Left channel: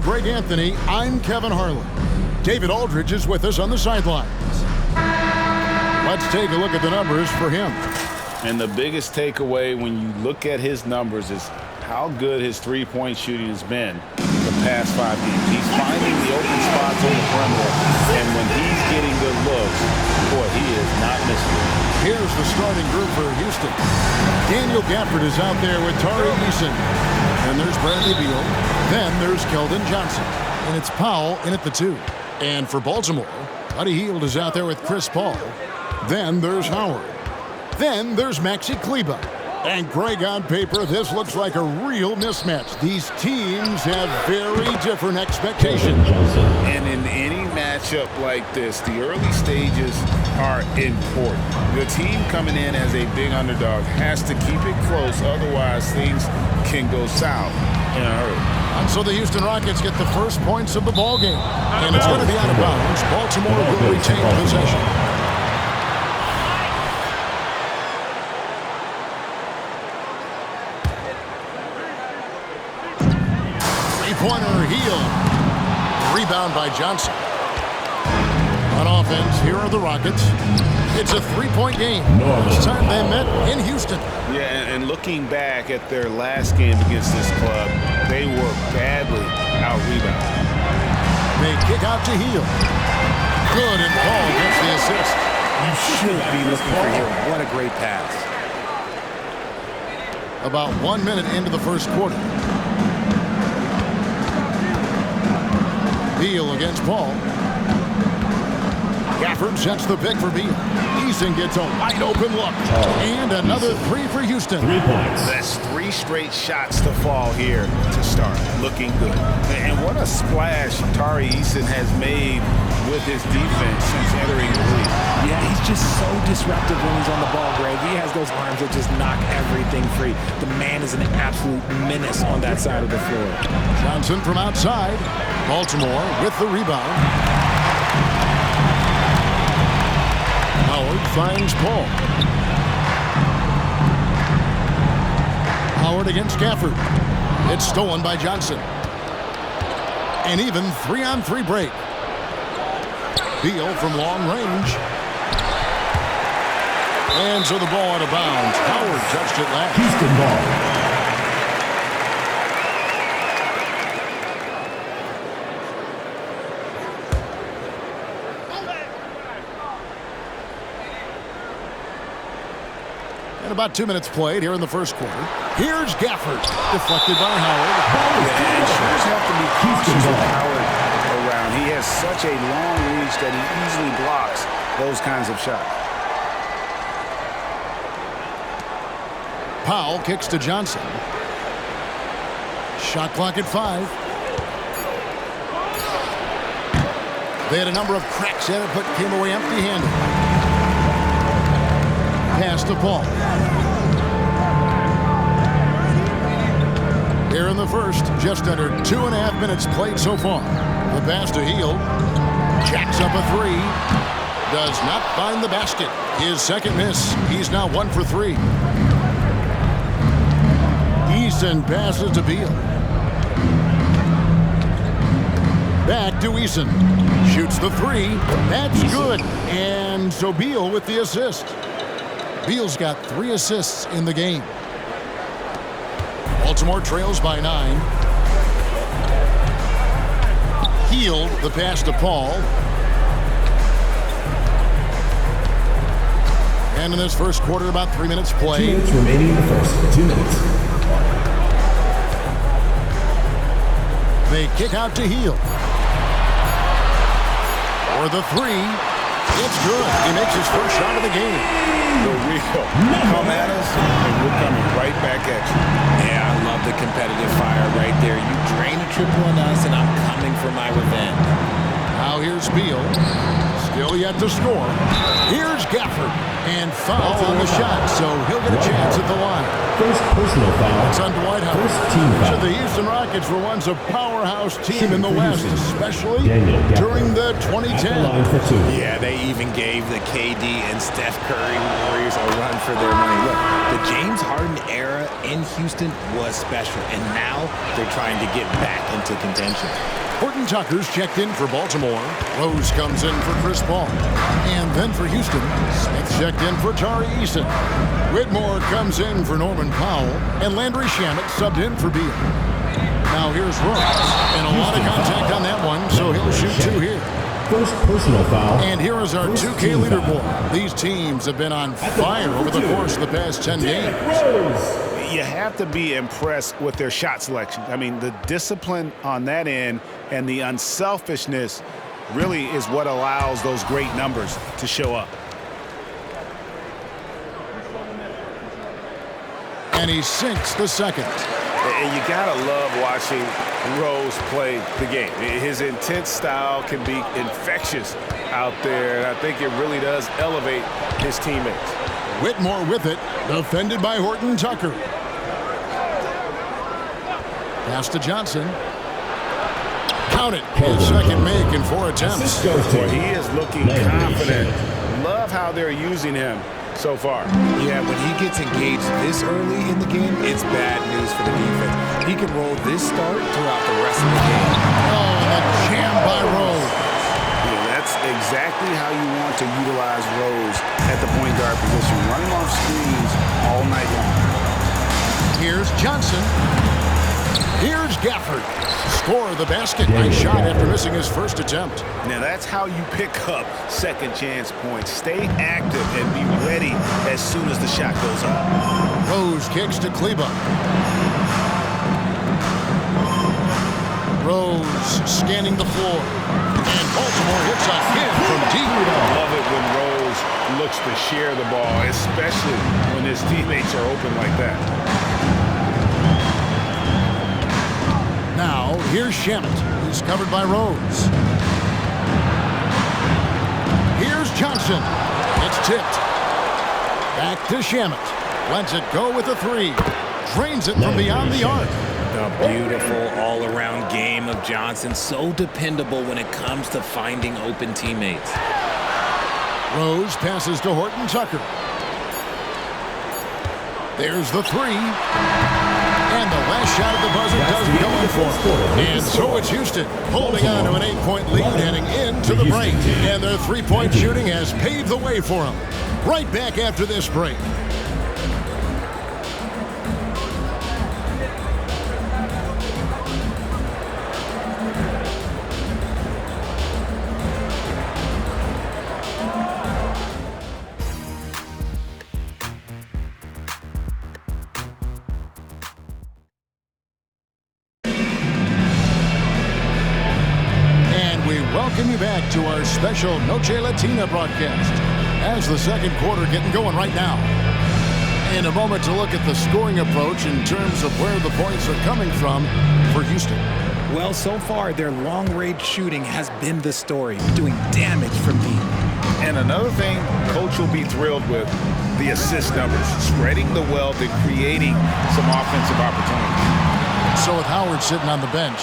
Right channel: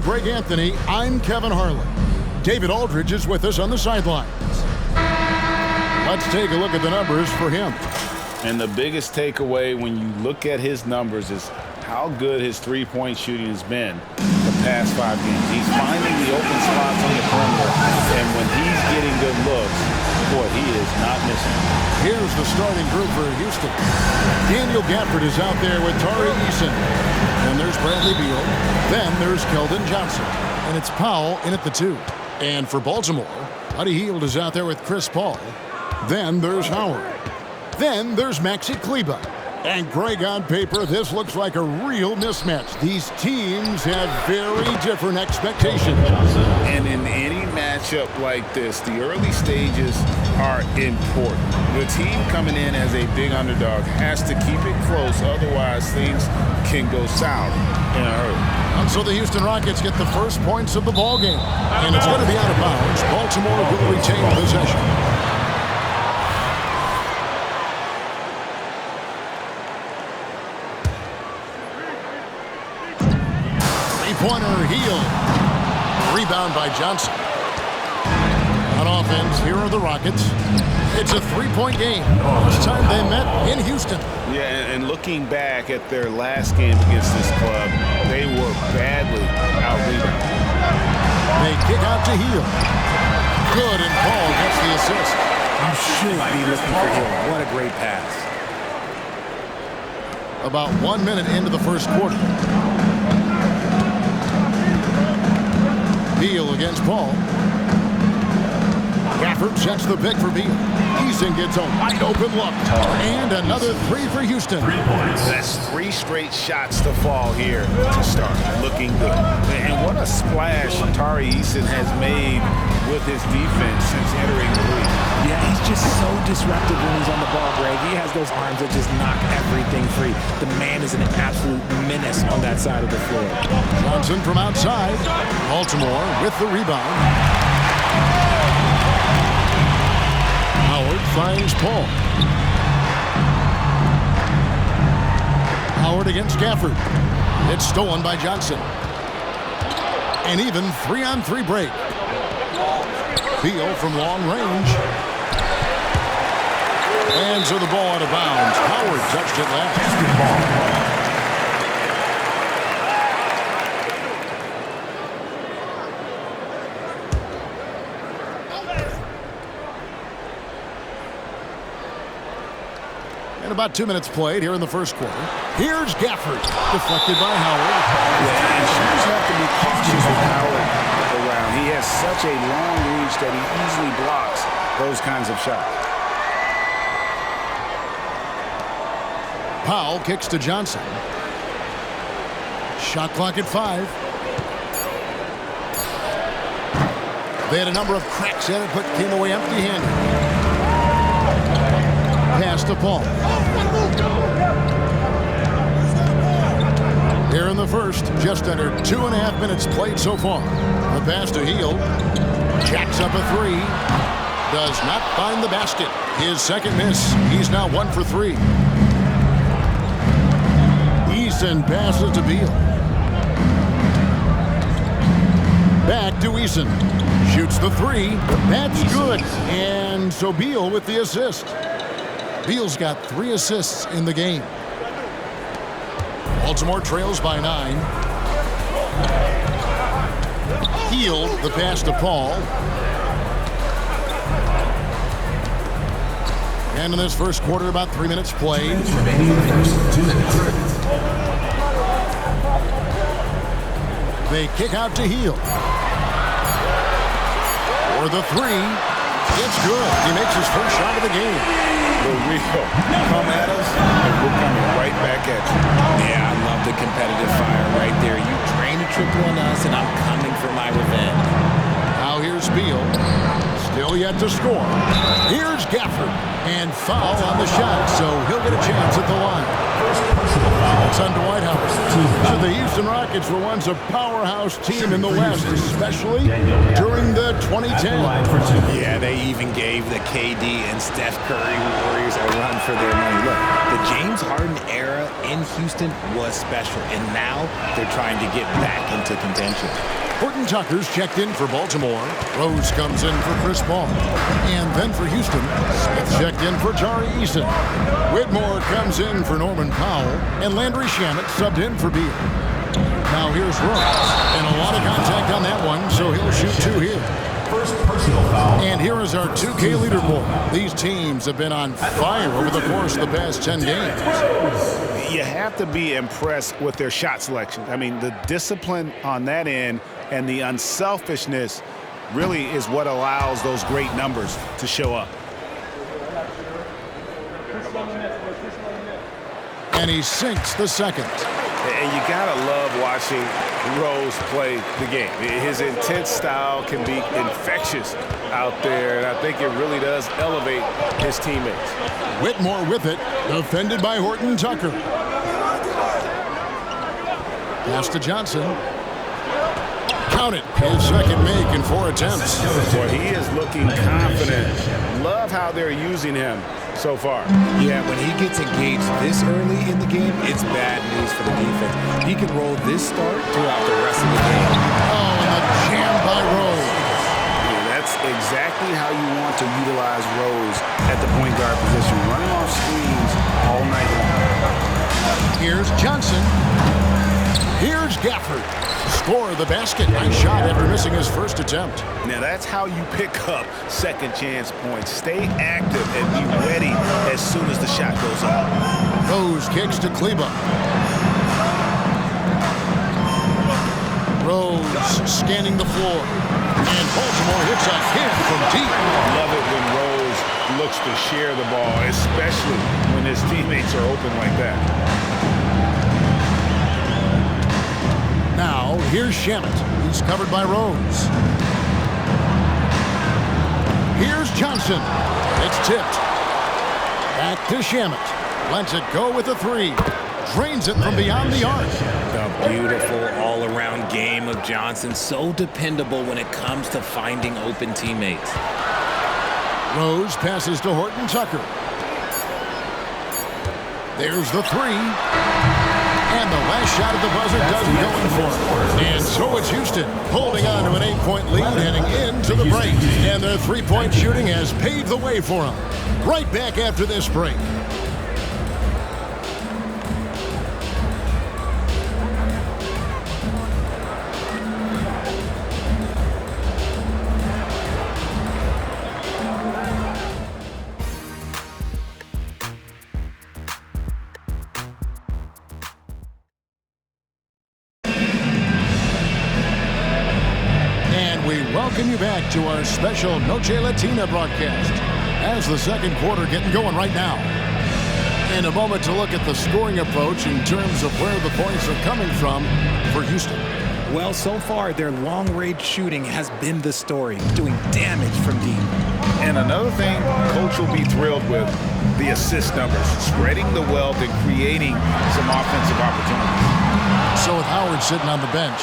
Greg Anthony, I'm Kevin Harlan. David Aldridge is with us on the sidelines. Let's take a look at the numbers for him. And the biggest takeaway when you look at his numbers is how good his three-point shooting has been the past 5 games. He's finding the open spots on the perimeter, and when he's getting good looks, boy, he is not missing it. Here's the starting group for Houston. Daniel Gafford is out there with Tari Eason. Then there's Bradley Beal. Then there's Keldon Johnson. And it's Powell in at the 2. And for Baltimore, Buddy Hield is out there with Chris Paul. Then there's Howard. Then there's Maxi Kleber. And Greg, on paper, this looks like a real mismatch. These teams have very different expectations. And in any matchup like this, the early stages are important. The team coming in as a big underdog has to keep it close, otherwise things can go south in a hurry. And so the Houston Rockets get the first points of the ball game. And it's going to be out of bounds. Baltimore will retain possession. Three-pointer, Hield. Rebound by Johnson. On offense, here are the Rockets. It's a three-point game. This time they met in Houston. Yeah, and looking back at their last game against this club, they were badly out-rebounded. They kick out to Hield. Good, and Paul gets the assist. You should be looking for Hield. What a great pass. About 1 minute into the first quarter. Beal against Paul. Gafford sets the pick for Beal. Eason gets a wide-open look. And another three for Houston. 3 points. That's 3 straight shots to fall here to start. Looking good. And what a splash Tari Eason has made with his defense since entering the league. Yeah, he's just so disruptive when he's on the ball, Greg. He has those arms that just knock everything free. The man is an absolute menace on that side of the floor. Johnson from outside. Baltimore with the rebound. Howard finds Paul. Howard against Gafford. It's stolen by Johnson. An even 3-on-3 break. Beal from long range. And so the ball out of bounds. Howard touched it last. Houston ball. And about 2 minutes played here in the first quarter. Here's Gafford, deflected by Howard. Yeah, and shooters have to be cautious with Howard around. He has such a long reach that he easily blocks those kinds of shots. Powell kicks to Johnson. Shot clock at 5. They had a number of cracks at it, but came away empty-handed. Pass to Paul. Here in the first, just under 2.5 minutes played so far. The pass to Hield. Jacks up a 3. Does not find the basket. His second miss. He's now 1 for 3. Eason passes to Beal. Back to Eason. Shoots the 3. That's good. And so Beal with the assist. Beal's got 3 assists in the game. Baltimore trails by 9. Hield, the pass to Paul. And in this first quarter, about 3 minutes played. 2 minutes remaining in the first. 2 minutes. They kick out to Hield. For the 3. It's good. He makes his first shot of the game. The real come at us, and we're coming right back at you. Yeah, I love the competitive fire right there. You drain a triple on us, and I'm coming for my revenge. Now here's Beal. Still yet to score. Here's Gafford. And foul on the shot, so he'll get a chance at the line. First personal foul. It's on Dwight Howard. First team foul. So the Houston Rockets were once a powerhouse team in the West, especially during the 2010s. Yeah, they even gave the KD and Steph Curry Warriors a run for their money. Look, the James Harden era in Houston was special, and now they're trying to get back into contention. Horton Tucker's checked in for Baltimore. Rose comes in for Chris Paul. And then for Houston, Smith checked in for Tari Eason. Whitmore comes in for Norman Powell. And Landry Shamet subbed in for Beal. Now here's Rose. And a lot of contact on that one, so he'll shoot 2 here. First personal foul. And here is our 2K leaderboard. These teams have been on fire over the course of the past 10 games. You have to be impressed with their shot selection. I mean, the discipline on that end and the unselfishness really is what allows those great numbers to show up. And he sinks the second. And you gotta love watching Rose play the game. His intense style can be infectious out there, and I think it really does elevate his teammates. Whitmore with it, defended by Horton Tucker. Pass to Johnson. Count it. His second make in 4 attempts. Boy, he is looking confident. Love how they're using him so far. Yeah, when he gets engaged this early in the game, it's bad news for the defense. He can roll this start throughout the rest of the game. Oh, and the jam by Rose. Yeah, that's exactly how you want to utilize Rose at the point guard position, running off screens all night long. Here's Johnson. Here's Gafford. Score the basket. Nice shot after missing his first attempt. Now that's how you pick up second chance points. Stay active and be ready as soon as the shot goes up. Rose kicks to Kleba. Rose scanning the floor. And Baltimore hits again from deep. Love it when Rose looks to share the ball, especially when his teammates are open like that. Now, here's Shamet. He's covered by Rose. Here's Johnson. It's tipped. Back to Shamet. Lets it go with a 3. Drains it from beyond the arc. The beautiful all-around game of Johnson. So dependable when it comes to finding open teammates. Rose passes to Horton Tucker. There's the 3. And the last shot at the buzzer doesn't go in for him. And so it's Houston holding on to an 8-point lead heading into the break. And their 3-point shooting has paved the way for them. Right back after this break. We welcome you back to our special Noche Latina broadcast as the second quarter getting going right now. In a moment to look at the scoring approach in terms of where the points are coming from for Houston. Well, so far, their long-range shooting has been the story, doing damage from deep. And another thing Coach will be thrilled with, the assist numbers, spreading the wealth and creating some offensive opportunities. So with Howard sitting on the bench,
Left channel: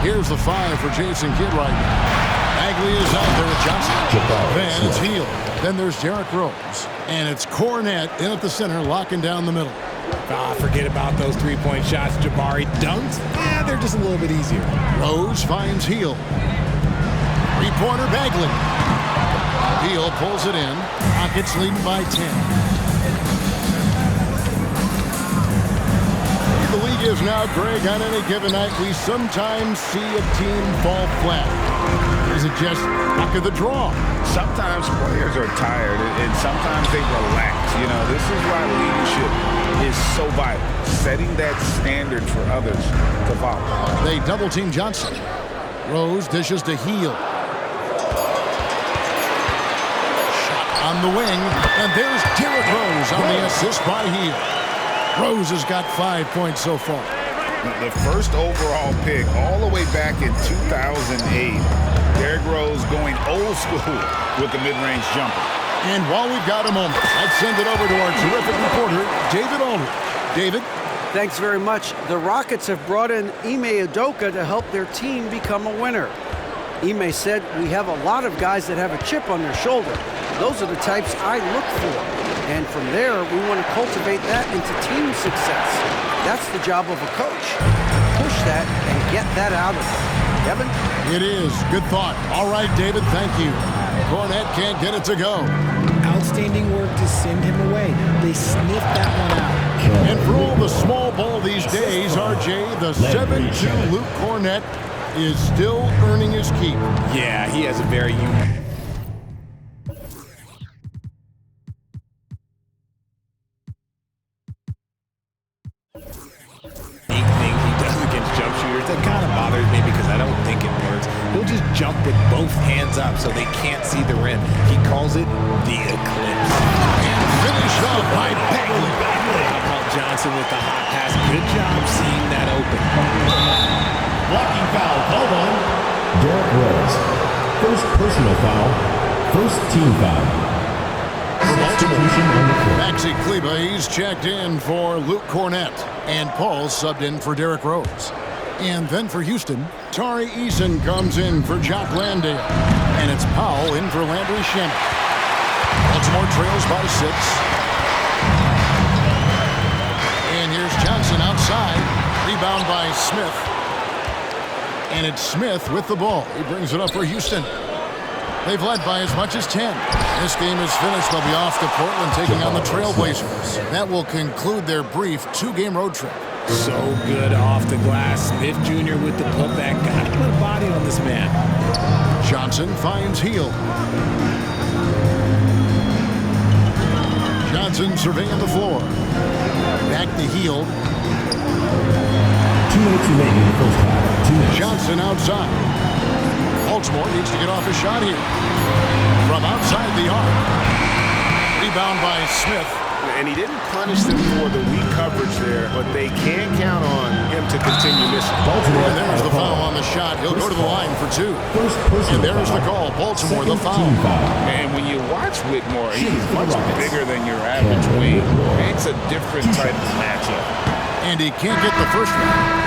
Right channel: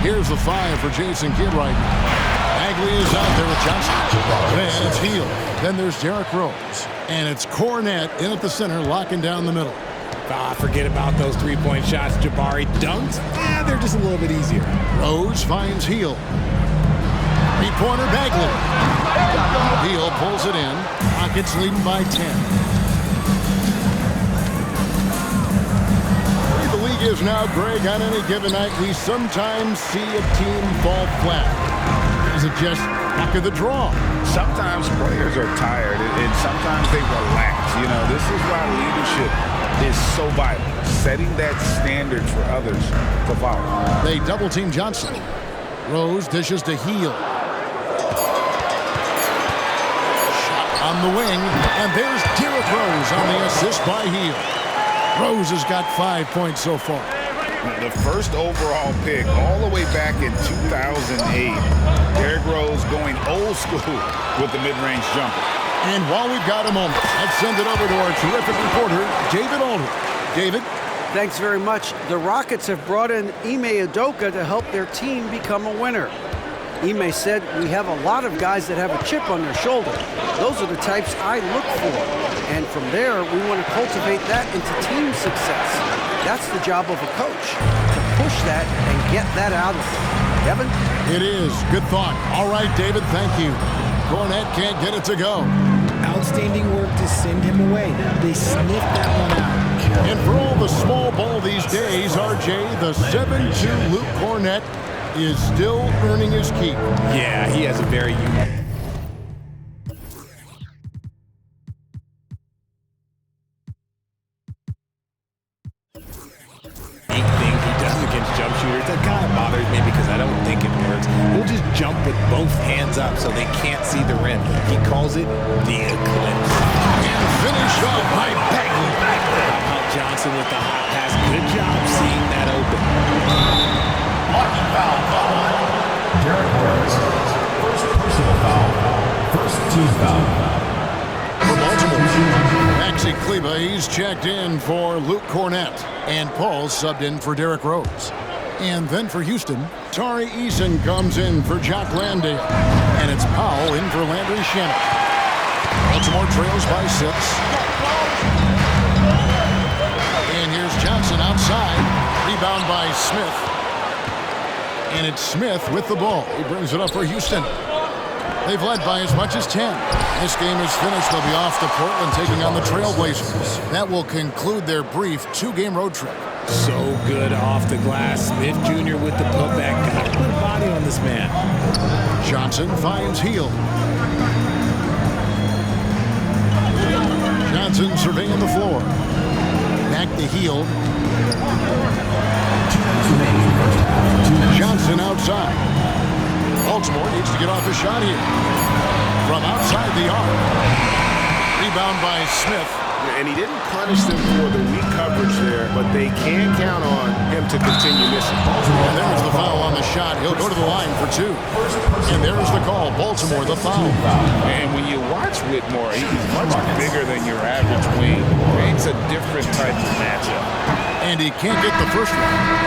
here's the 5 for Jason Kidd right now. Bagley is out there with Johnson. Then it's Beal. Then there's Derrick Rose. And it's Cornette in at the center, locking down the middle. Forget about those 3-point shots. Jabari dunks. They're just a little bit easier. Rose finds Beal. 3-pointer Bagley. Beal pulls it in. Rockets leading by 10. The league is now, Greg, on any given night, we sometimes see a team fall flat. Is it just luck of the draw? Sometimes players are tired, and sometimes they relax. You know, this is why leadership is so vital, setting that standard for others to follow. They double-team Johnson. Rose dishes to Beal. Shot on the wing, and there's Derrick Rose on the assist by Beal. Rose has got 5 points so far. The first overall pick all the way back in 2008. Derrick Rose going old school with the mid-range jumper. And while we've got a moment, let's send it over to our terrific reporter, David Aldridge. David? Thanks very much. The Rockets have brought in Ime Udoka to help their team become a winner. Ime said, "We have a lot of guys that have a chip on their shoulder. Those are the types I look for. And from there, we want to cultivate that into team success. That's the job of a coach, to push that and get that out of them." Kevin? It is. Good thought. All right, David, thank you. Cornette can't get it to go. Outstanding work to send him away. They sniffed that one out. And for all the small ball these days, RJ, the 7'2" Luke Cornette is still earning his keep. Yeah, he has a very unique thing he does against jump shooters. That kind of bothers me because I don't think it works. He'll just jump with both hands up so they can't see the rim. He calls it the eclipse. And finished off by Bagley. How about Johnson with the hot pass? Good job seeing that open. Blocking foul called on Derrick Rose. First personal foul. First team foul. For Baltimore, Maxi Kleber, he's checked in for Luke Cornette. And Paul subbed in for Derrick Rose. And then for Houston, Tari Eason comes in for Jock Landale. And it's Powell in for Landry Shamet. Baltimore trails by 6. And here's Johnson outside. Rebound by Smith. And it's Smith with the ball. He brings it up for Houston. They've led by as much as 10. This game is finished. They'll be off to Portland taking on the Trailblazers. That will conclude their brief 2-game road trip. So good off the glass. Smith Jr. with the putback. Got to put a body on this man. Johnson finds Hield. Johnson surveying the floor. Back to Hield. 2 minutes remaining in the first half. 2 minutes. Johnson outside. Baltimore needs to get off a shot here. From outside the arc. Rebound by Smith. And he didn't punish them for the weak coverage there, but they can count on him to continue missing. And there's the foul on the shot. He'll go to the line for 2. And there's the call. Baltimore, the foul. And when you watch Whitmore, he's much bigger than your average wing. It's a different type of matchup. And he can't get the first one.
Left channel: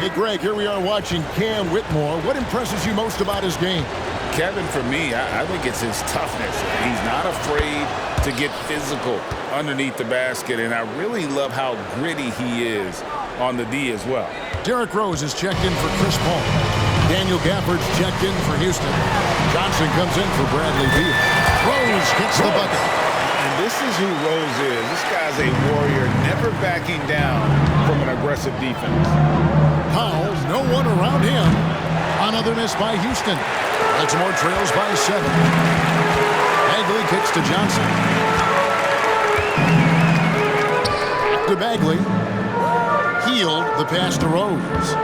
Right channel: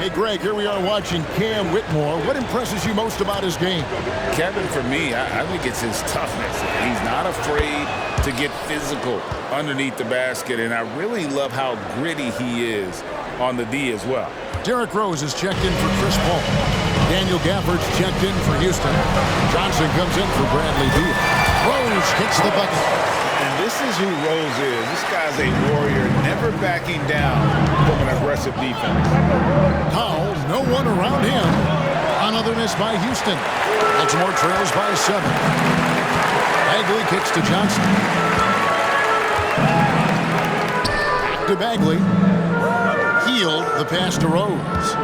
Hey, Greg, here we are watching Cam Whitmore. What impresses you most about his game? Kevin, for me, I think it's his toughness. He's not afraid to get physical underneath the basket, and I really love how gritty he is on the D as well. Derrick Rose is checked in for Chris Paul. Daniel Gafford's checked in for Houston. Johnson comes in for Bradley Beal. Rose gets the bucket. And this is who Rose is. This guy's a warrior, never backing down from an aggressive defense. Powell, no one around him. Another miss by Houston. Baltimore trails by 7. Bagley kicks to Johnson. To Bagley. Hield the pass to Rose.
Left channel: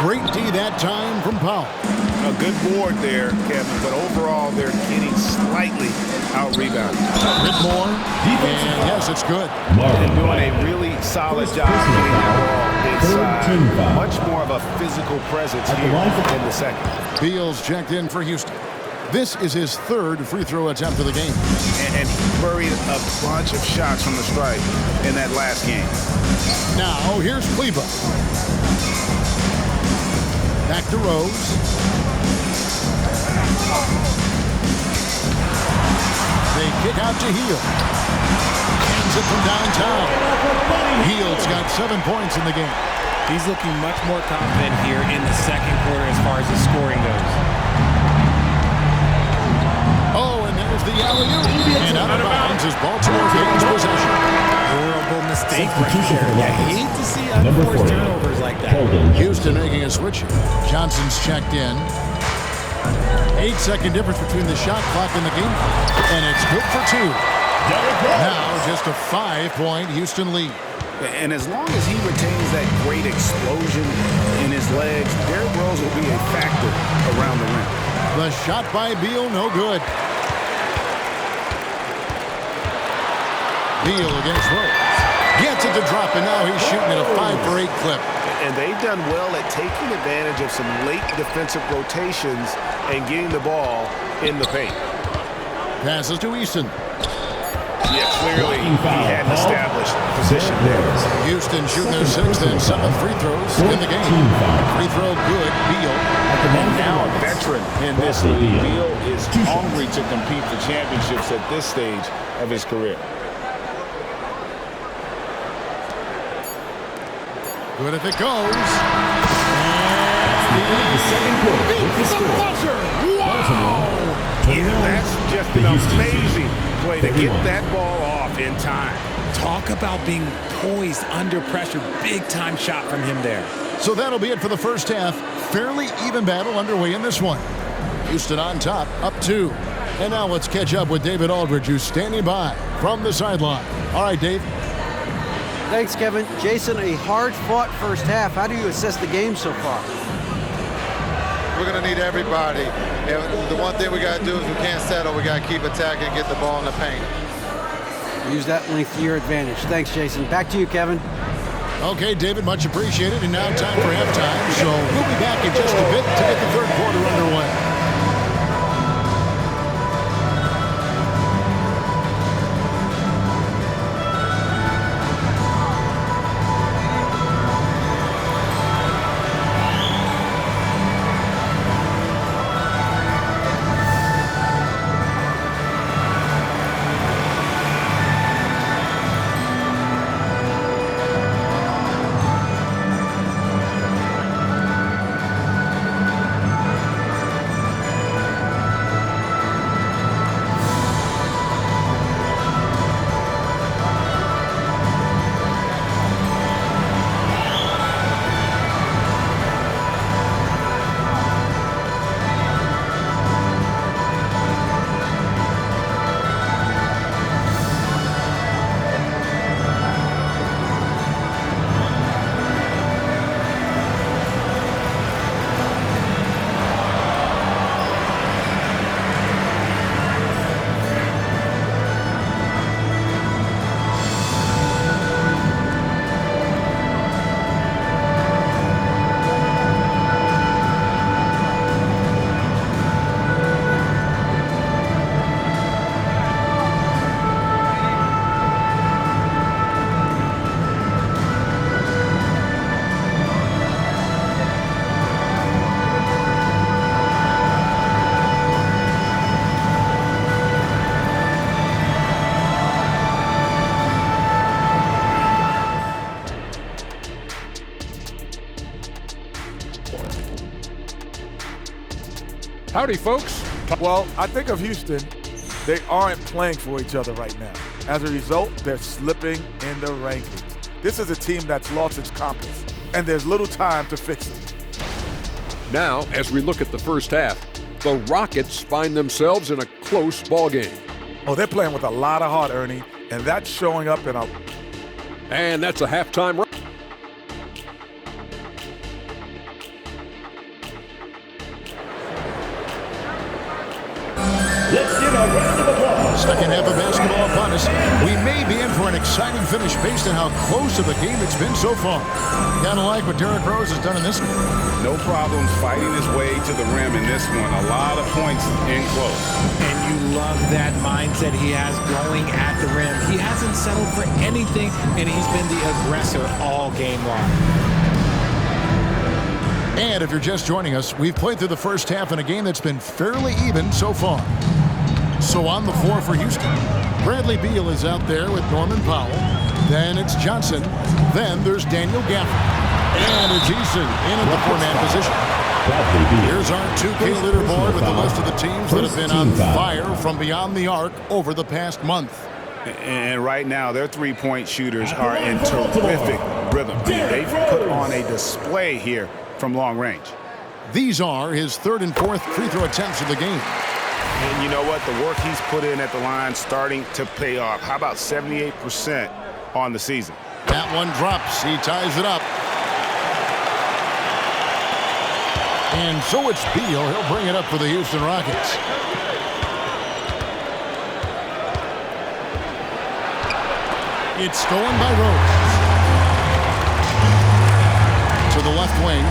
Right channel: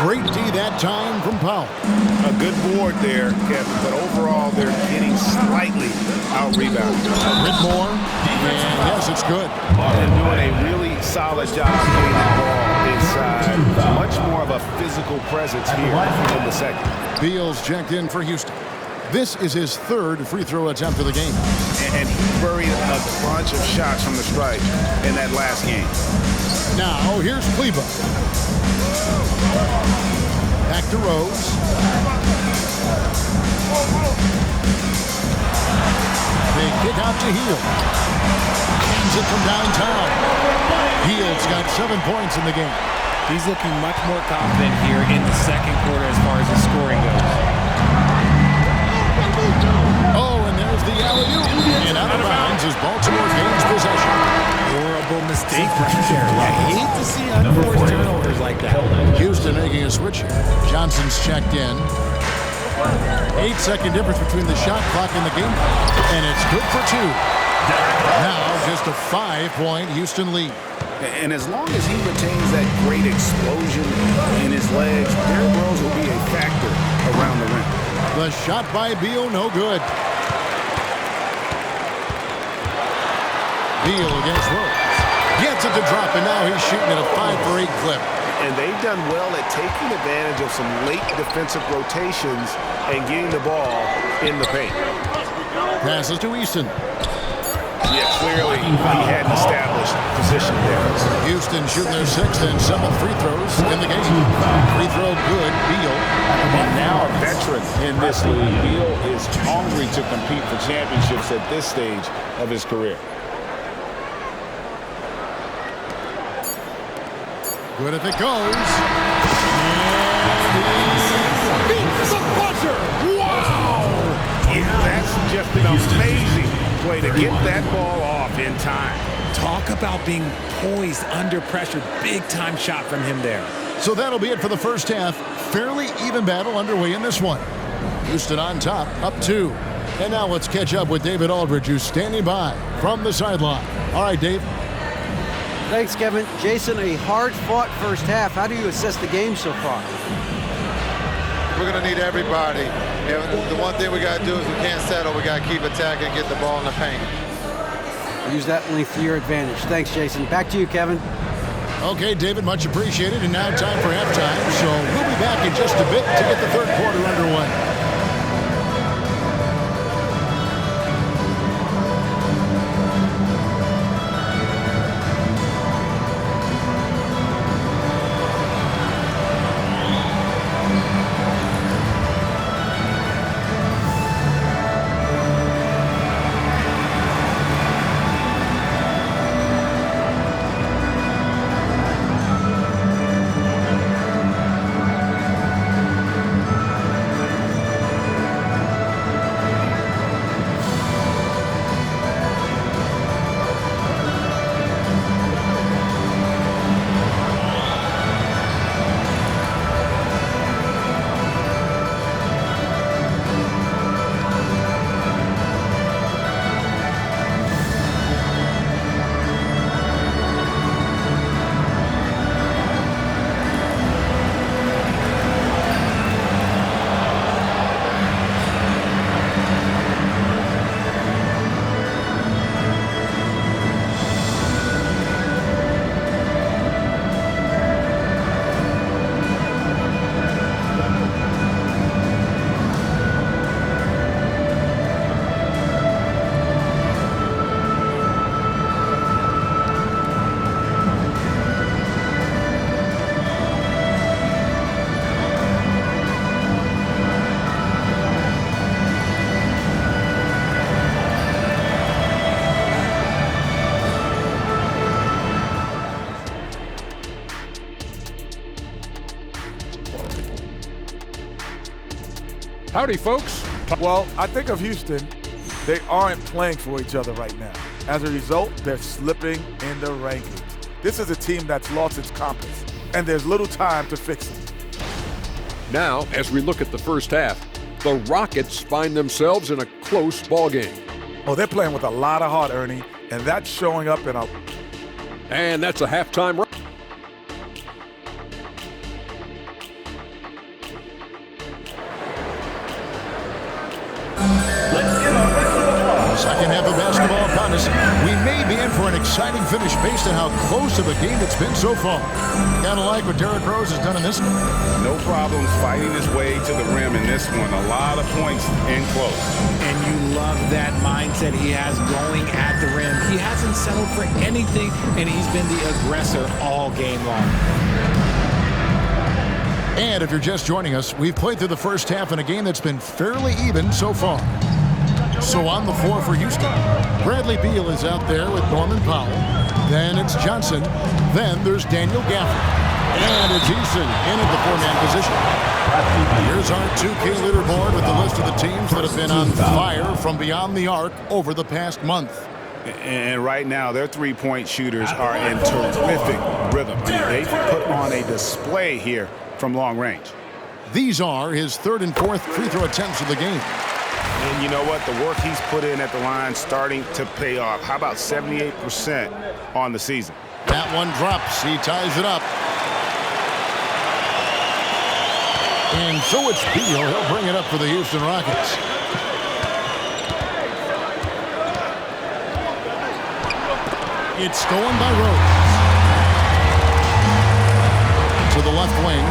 Great D that time from Powell. A good board there, Kevin, but overall they're getting slightly out-rebounded. Whitmore, and yes, it's good. And doing a really solid job getting that ball inside. Much more of a physical presence here in the second. Beal's checked in for Houston. This is his 3rd free throw attempt of the game. And he buried a bunch of shots from the stripe in that last game. Now, here's Kleber. Back to Rose. They kick out to Hield. Hands it from downtown. Hield's got 7 points in the game. He's looking much more confident here in the second quarter as far as his scoring goes. Oh, and there's the alley-oop. And out of bounds as Baltimore gains possession. Horrible mistake right there. I hate to see unforced turnovers like that. Houston making a switch here. Johnson's checked in. 8-second difference between the shot clock and the game clock. And it's good for 2. Now just a 5-point Houston lead. And as long as he retains that great explosion in his legs, Derrick Rose will be a factor around the rim. The shot by Beal, no good. Beal against Rose. Gets it to drop, and now he's shooting at a 5-for-8 clip. And they've done well at taking advantage of some late defensive rotations and getting the ball in the paint. Passes to Easton. Yeah, clearly he had an established position there. Houston shooting their 6th and 7th free throws in the game. Free throw good, Beal. And now a veteran in this league. Beal is hungry to compete for championships at this stage of his career. Good if it goes. And he beats the buzzer. Wow! Yeah, that's just an amazing play to get that ball off in time. Talk about being poised under pressure. Big time shot from him there. So that'll be it for the first half. Fairly even battle underway in this one. Houston on top, up 2. And now let's catch up with David Aldridge, who's standing by from the sideline. All right, Dave. Thanks, Kevin. Jason, a hard-fought first half. How do you assess the game so far? We're going to need everybody. And the one thing we got to do is we can't settle. We got to keep attacking and get the ball in the paint. Use that length to your advantage. Thanks, Jason. Back to you, Kevin. Okay, David, much appreciated. And now time for halftime. So we'll be back in just a bit to get the third quarter underway. Howdy, folks. Well, I think of Houston, they aren't playing for each other right now. As a result, they're slipping in the rankings. This is a team that's lost its compass, and there's little time to fix it. Now, as we look at the first half, the Rockets find themselves in a close ballgame. Oh, they're playing with a lot of heart, Ernie, and that's showing up in a... And that's a halftime run. Second half of basketball upon us. We may be in for an exciting finish based on how close of a game it's been so far. Gotta like what Derrick Rose has done in this game. No problems fighting his way to the rim in this one. A lot of points in close. And you love that mindset he has going at the rim. He hasn't settled for anything, and he's been the aggressor all game long. And if you're just joining us, we've played through the first half in a game that's been fairly even so far. So on the floor for Houston, Bradley Beal is out there with Norman Powell. Then it's Johnson. Then there's Daniel Gafford. And it's Easton in at the four-man position. Here's our 2K leaderboard with the list of the teams that have been on fire from beyond the arc over the past month. And right now, their three-point shooters are in terrific rhythm. I mean, they've put on a display here from long range. These are his third and fourth free throw attempts of the game. And you know what? The work he's put in at the line starting to pay off. How about 78% on the season? That one drops. He ties it up. And so it's Beal. He'll bring it up for the Houston Rockets. It's stolen by Rose. to the left wing.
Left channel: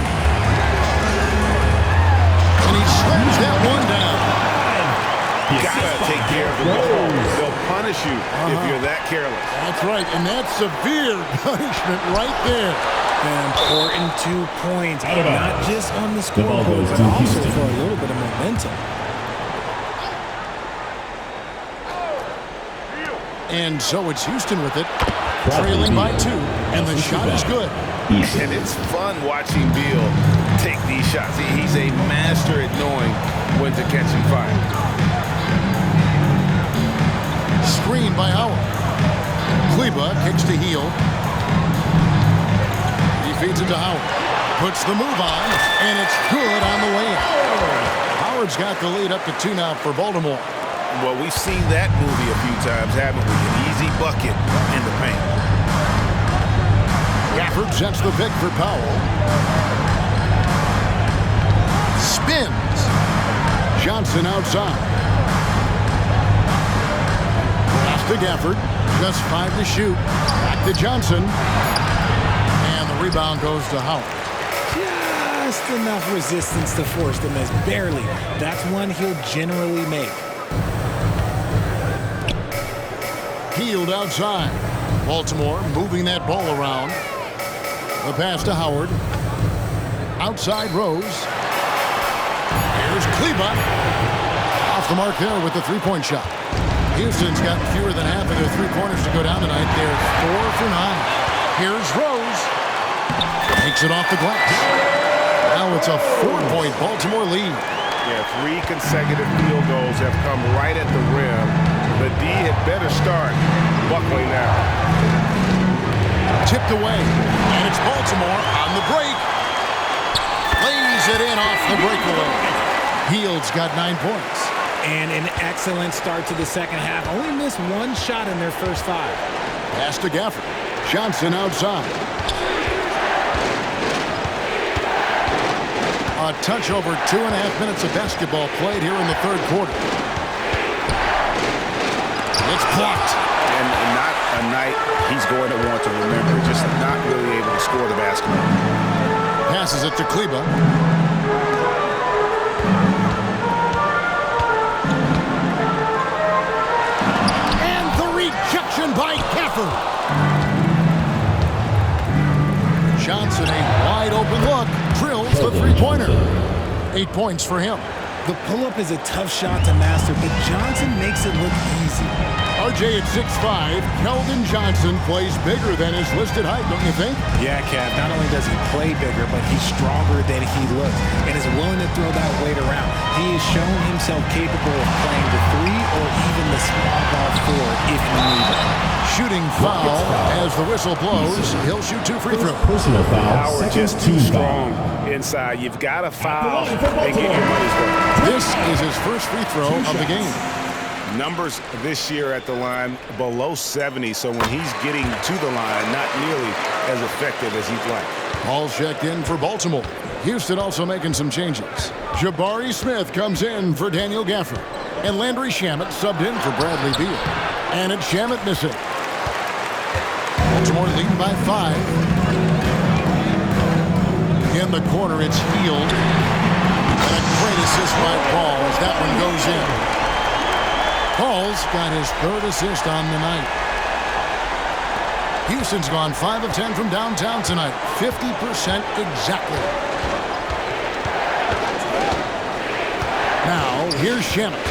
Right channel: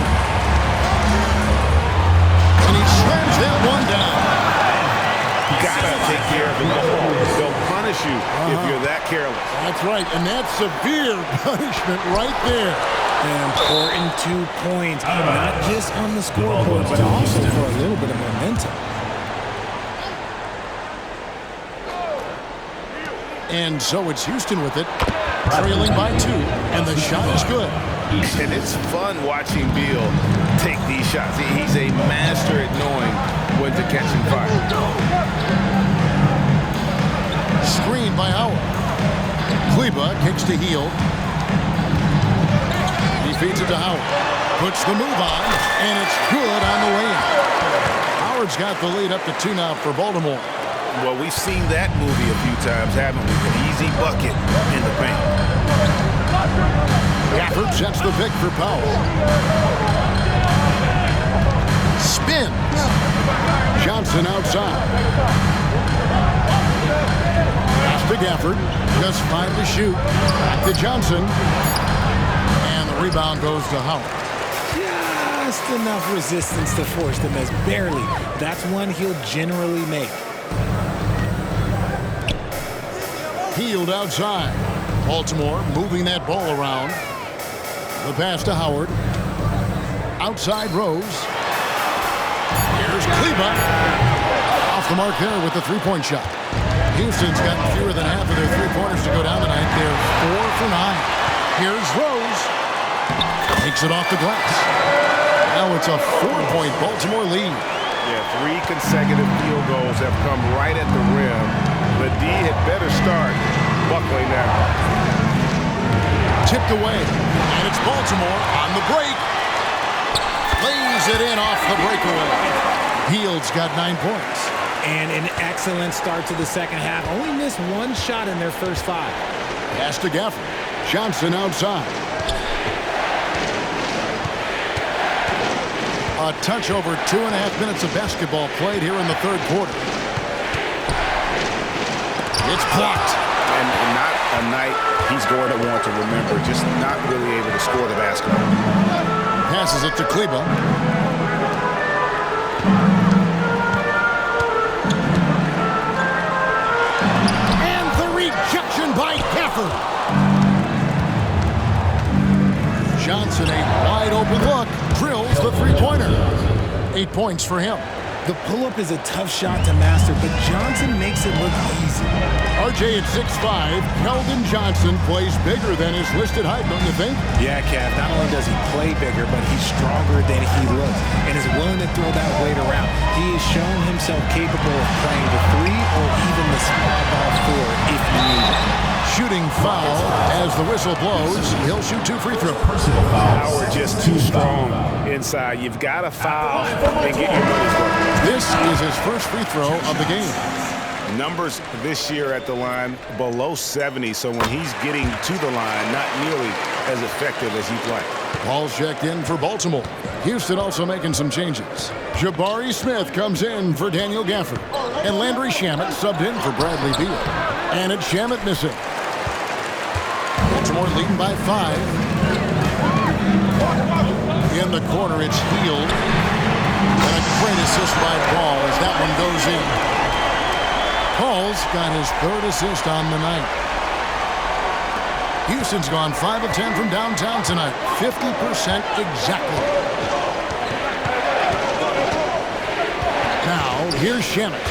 And he slams that one down. Gotta take care of the ball. They'll punish you if you're that careless. That's right, and that's severe punishment right there. An important 2 points, not just on the scoreboard, but also for a little bit of momentum. And so it's Houston with it, trailing by 2, and the shot is good. And it's fun watching Beal take these shots. He's a master at knowing when to catch and fire. Screen by Howard. Kleba kicks to Heel. He feeds it to Howard. Puts the move on, and it's good on the way in. Howard's got the lead up to 2 now for Baltimore. Well, we've seen that movie a few times, haven't we? An easy bucket in the paint. Gafford sets the pick for Powell. Spins. Johnson outside. Pass to Gafford. Just 5 to shoot. Back to Johnson. And the rebound goes to Howard. Just enough resistance to force them as barely. That's one he'll generally make. Healed outside. Baltimore moving that ball around. The pass to Howard. Outside Rose. Here's Kleba. Off the mark there with the three-point shot. Houston's gotten fewer than half of their three-pointers to go down tonight. They're 4 for 9. Here's Rose. Takes it off the glass. Now it's a 4-point Baltimore lead. Yeah, 3 consecutive field goals have come right at the rim. The D had better start buckling now. Tipped away, and it's Baltimore on the break. Lays it in off the breakaway. Hield's got 9 points. And an excellent start to the second half. Only missed 1 shot in their first 5. Pass to Gafford. Johnson outside. A touch over 2.5 minutes of basketball played here in the third quarter. It's blocked. And not a night he's going to want to remember. Just not really able to score the basketball. Passes it to Kleba. And the rejection by Gafford. Johnson, a wide open look, drills the three-pointer. 8 points for him. The pull-up is a tough shot to master, but Johnson makes it look easy. RJ at 6'5", Keldon Johnson plays bigger than his listed height, don't you think? Yeah, Kev, not only does he play bigger, but he's stronger than he looks and is willing to throw that weight around. He has shown himself capable of playing the 3 or even the small ball 4 if you need it. Shooting foul as the whistle blows. He'll shoot 2 free throws. Personal foul. Howard just too strong inside. You've got to foul and get your money's worth. This is his first free throw of the game. Numbers this year at the line below 70, so when he's getting to the line, not nearly as effective as he'd like. Ball's checked in for Baltimore. Houston also making some changes. Jabari Smith comes in for Daniel Gafford. And Landry Shamet subbed in for Bradley Beal. And it's Shamet missing. Baltimore leading by 5. In the corner, it's Hield. And a great assist by Paul as that one goes in. Paul's got his 3rd assist on the night. Houston's gone 5 of 10 from downtown tonight. 50% exactly. Now, here's Shamet.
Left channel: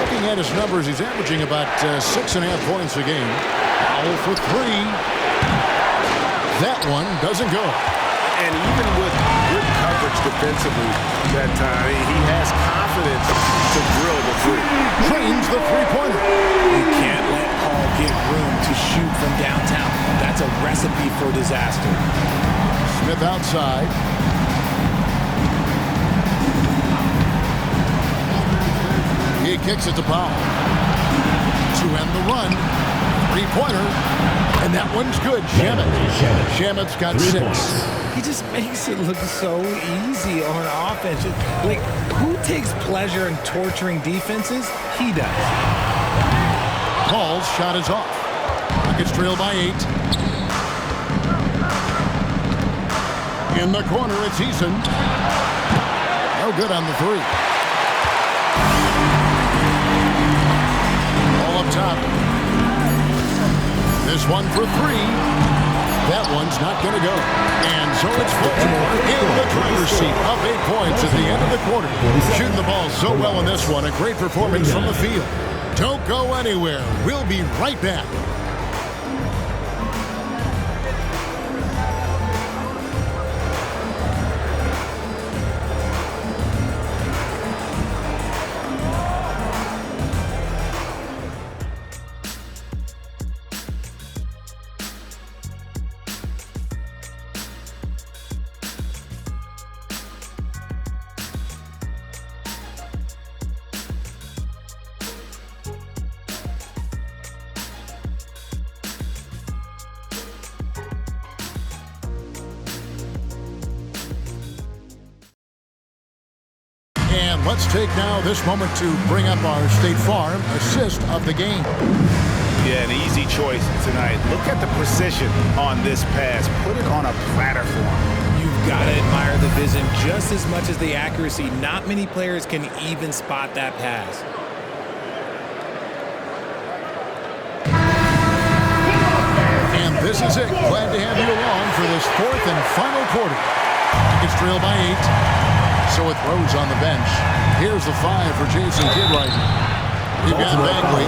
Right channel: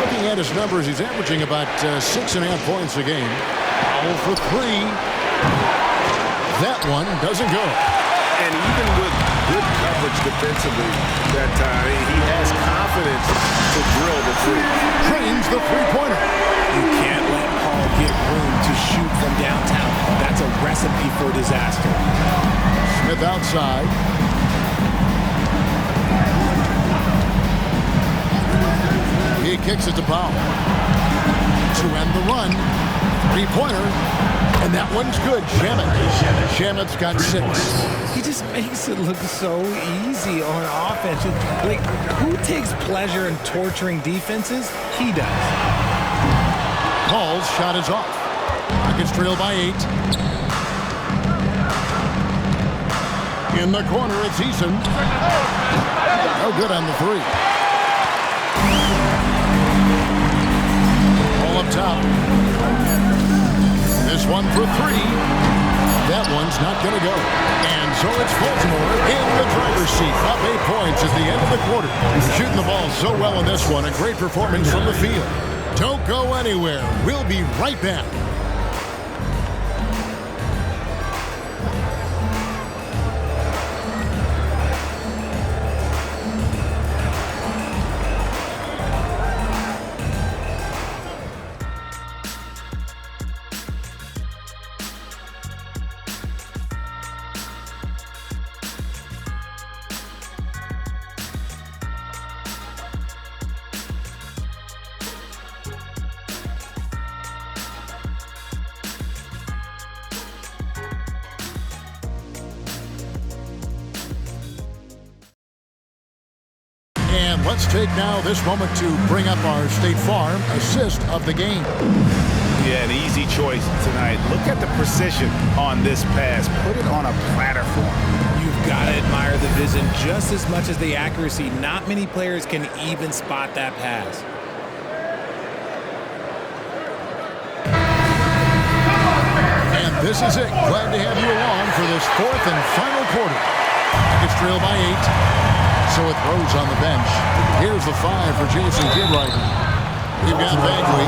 Looking at his numbers, he's averaging about 6.5 points a game. Foul for 3. That one doesn't go. And even with good coverage defensively that time, he has confidence to drill the 3. Trains the three-pointer. You can't let Paul get room to shoot from downtown. That's a recipe for disaster. Smith outside. He kicks it to Powell. To end the run. Three-pointer. And that one's good. Shamet's got 6. He just makes it look so easy on offense. Like, who takes pleasure in torturing defenses? He does. Paul's shot is off. Rockets trail by 8. In the corner, it's Eason. No good on the three. Ball up top. This one for three. That one's not going to go. And so it's Baltimore in the driver's seat, up 8 points at the end of the quarter. Shooting the ball so well in this one. A great performance from the field. Don't go anywhere. We'll be right back. And let's take now this moment to bring up our State Farm assist of the game. Yeah, an easy choice tonight. Look at the precision on this pass. Put it on a platter form. You've got to admire the vision just as much as the accuracy. Not many players can even spot that pass. And this is it. Glad to have you along for this fourth and final quarter. Rockets trail by 8. So it throws on the bench. Here's the 5 for Jason Kidd. We've got Bagley,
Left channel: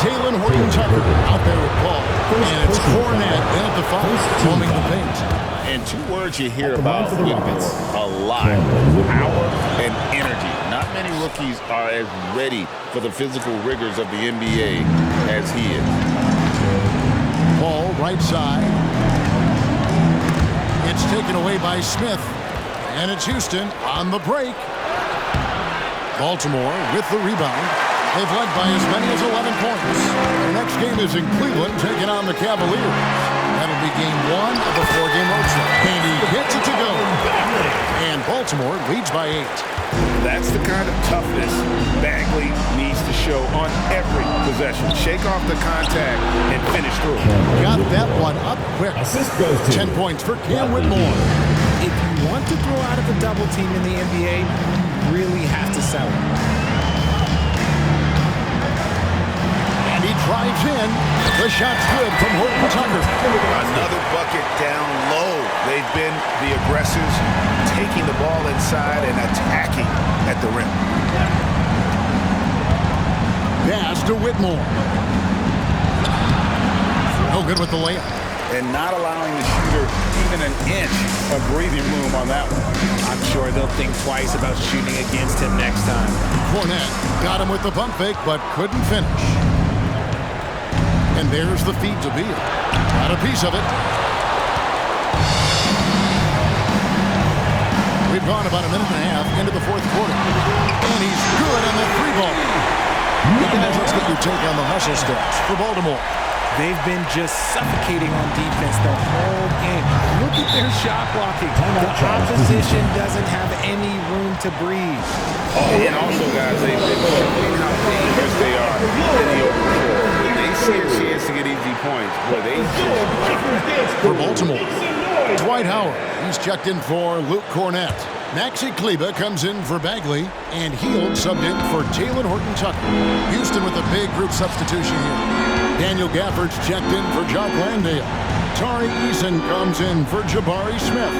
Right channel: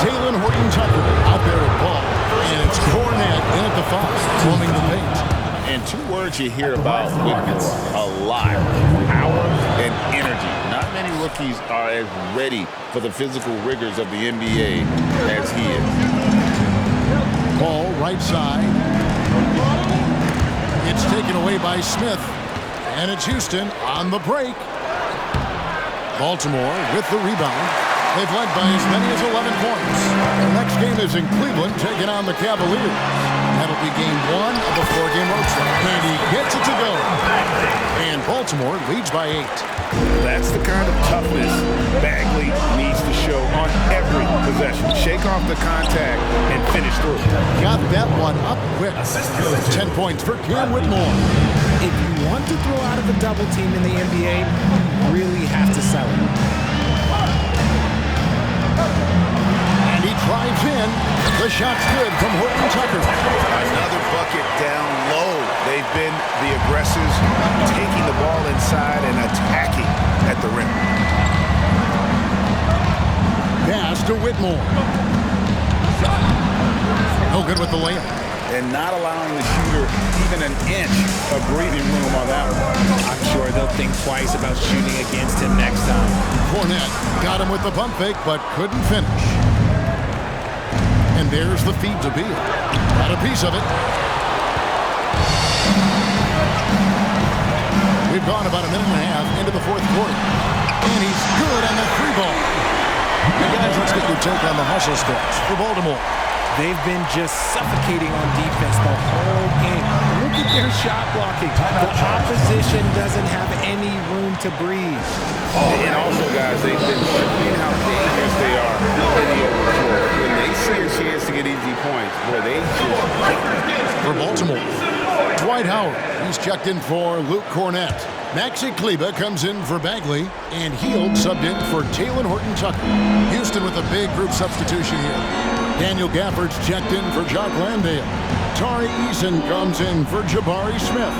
Taylor Horton-Tucker out there with Paul, and it's Cornette in at the 5, roaming the paint. And 2 words you hear about Whitmore a lot: power and energy. Not many rookies are as ready for the physical rigors of the NBA as he is. Paul, right side. It's taken away by Smith. And it's Houston on the break. Baltimore with the rebound. They've led by as many as 11 points. Their next game is in Cleveland, taking on the Cavaliers. That'll be game 1 of a 4-game road trip. And he gets it to go. And Baltimore leads by 8. That's the kind of toughness Bagley needs to show on every possession. Shake off the contact and finish through. Got that one up quick. 10 points for Cam Whitmore. If you want to throw out of a double team in the NBA, you really have to sell it. And he drives in. The shot's good from Horton-Tucker. Another bucket down low. They've been the aggressors, taking the ball inside and attacking at the rim. Pass to Whitmore. No good with the layup. And not allowing the shooter even an inch of breathing room on that one. I'm sure they'll think twice about shooting against him next time. Cornette got him with the pump fake, but couldn't finish. And there's the feed to Beal. Got a piece of it. We've gone about a minute and a half into the fourth quarter. And he's good on the 3 ball. Hey guys, let's get your take on the hustle stats for Baltimore. They've been just suffocating on defense the whole game. Look at their shot blocking. The opposition doesn't have any room to breathe. And also, guys, they've been showing how dangerous they are in the open floor. When they see a chance to get easy points, boy, they just jump. For Baltimore, Dwight Howard. He's checked in for Luke Cornette. Maxi Kleba comes in for Bagley, and Hield subbed in for Taylor Horton-Tucker. Houston with a big group substitution here. Daniel Gafford's checked in for Jock Landale. Tari Eason comes in for Jabari Smith.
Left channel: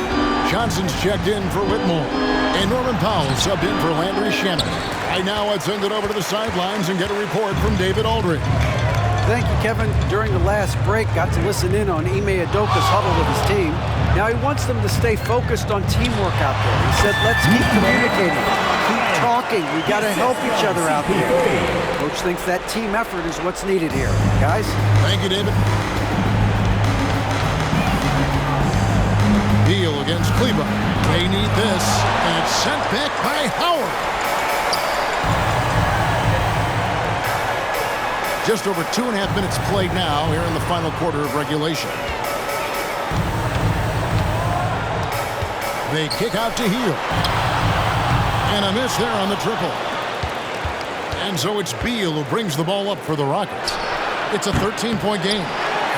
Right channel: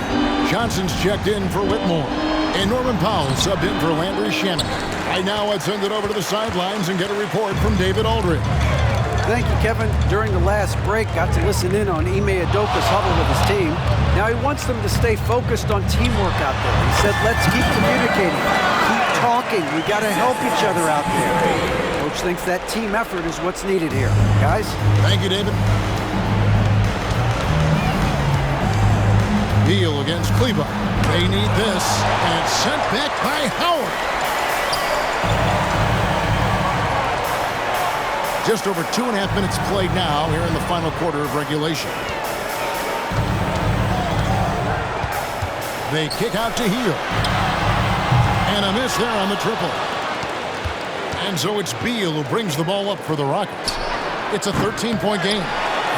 Johnson's checked in for Whitmore. And Norman Powell subbed in for Landry Shamet. Right now, let's send it over to the sidelines and get a report from David Aldridge. Thank you, Kevin. During the last break, got to listen in on Ime Udoka's huddle with his team. Now he wants them to stay focused on teamwork out there. He said, let's keep communicating, keep talking. We got to help each other out there. Coach thinks that team effort is what's needed here. Guys? Thank you, David. Beal against Kleba. They need this, and it's sent back by Howard. Just over 2.5 minutes played now here in the final quarter of regulation. They kick out to Hield. And a miss there on the triple. And so it's Beal who brings the ball up for the Rockets. It's a 13-point game.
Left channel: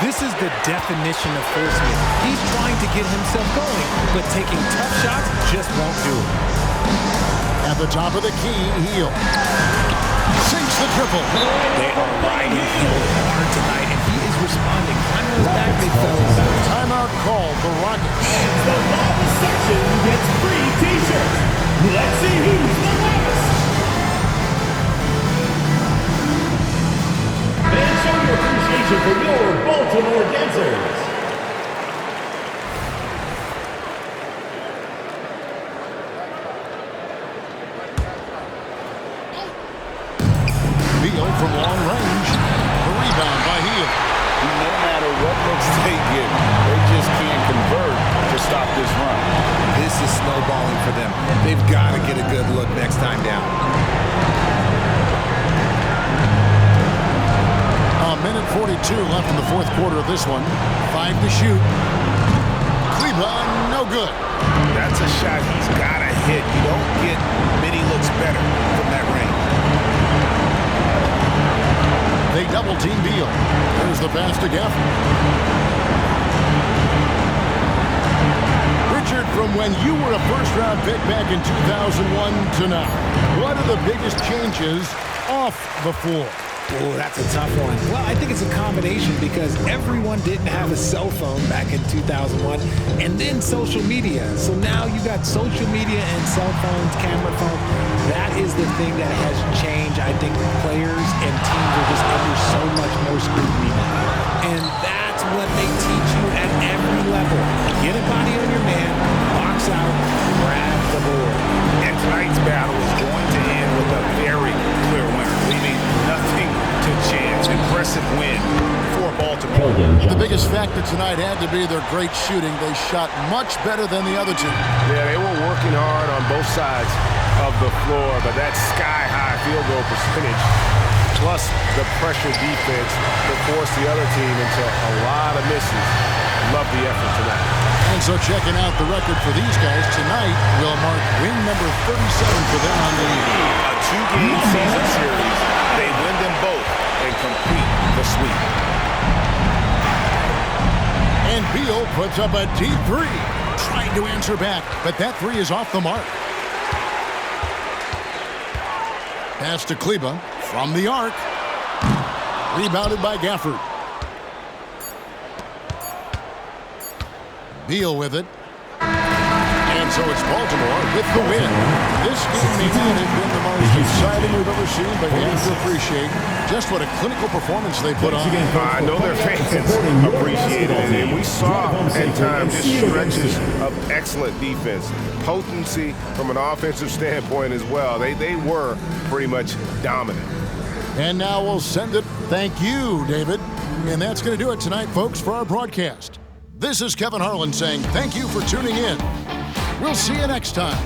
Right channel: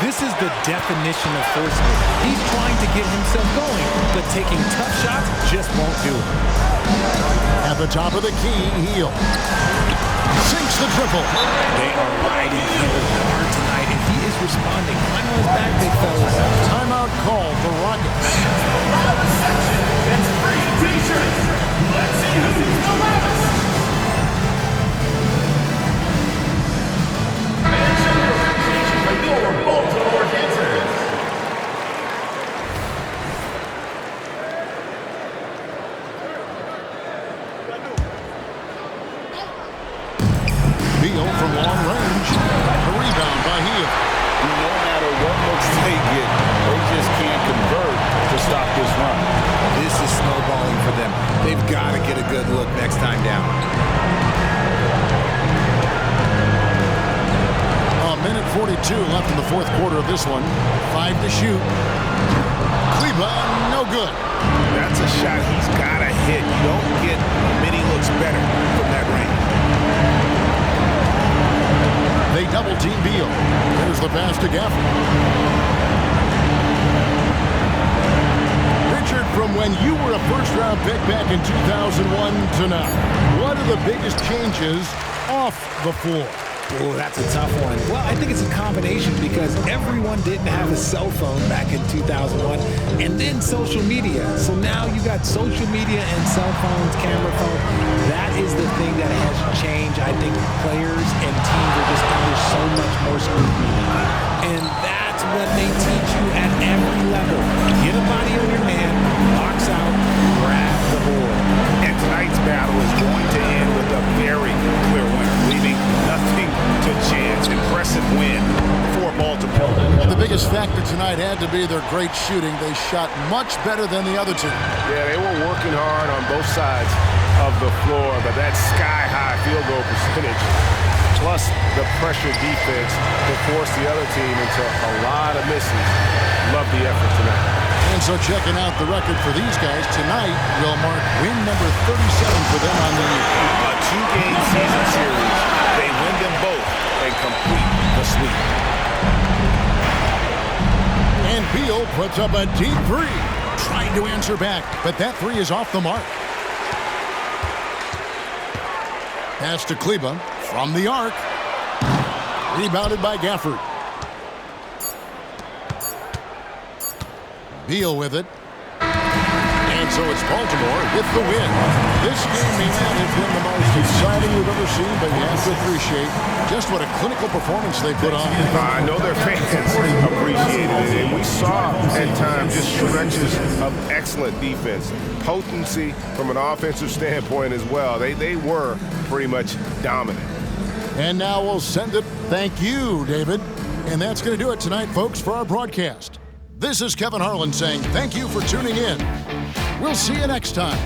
This is the definition of forceman. He's trying to get himself going, but taking tough shots just won't do it. At the top of the key, Beal sinks the triple. They are riding Beal hard tonight, and he is responding. Climb on his back, big fellas. Timeout called the Rockets. The loudest section gets free t-shirts. Let's see who's the loudest. And show your appreciation for your Baltimore dancers. Beal from long range. The rebound by Beal. No matter what looks they get, they just can't convert to stop this run. This is snowballing for them. They've got to get a good look next time down. A minute 42 left in the fourth quarter of this one. 5 to shoot. Kleba, no good. That's a shot he's got to hit. You don't get many looks better from that range. They double-team Beal. There's the pass to Gafford. Richard, from when you were a first-round pick back in 2001 to now, what are the biggest changes off the floor? Oh, that's a tough one. Well, I think it's a combination because everyone didn't have a cell phone back in 2001 and then social media. So now you got social media and cell phones, camera phones. That is the thing that has changed. I think players and teams are just under so much more scrutiny now. And that's what they teach you at every level. Get a body on your man, box out, grab the board. And tonight's battle is going to end with a very clear winner, leaving nothing to chance. Impressive win for Baltimore. The biggest factor tonight had to be their great shooting. They shot much better than the other two. Yeah, they were working hard on both sides of the floor, but that sky-high field goal percentage plus the pressure defense that forced the other team into a lot of misses. Love the effort tonight. And so checking out the record for these guys tonight will mark win number 37 for them on the year. A 2-game season series. They win them both and complete the sweep. And Beal puts up a deep three, trying to answer back, but that three is off the mark. Pass to Kleba from the arc. Rebounded by Gafford. Beal with it. And so it's Baltimore with the win. This game may not have been the most exciting we've ever seen, but you have to appreciate just what a clinical performance they put on. I know their fans appreciated it, and we saw at times just stretches of excellent defense, potency from an offensive standpoint as well. They were pretty much dominant. And now we'll send it. Thank you, David. And that's going to do it tonight, folks, for our broadcast. This is Kevin Harlan saying thank you for tuning in. We'll see you next time.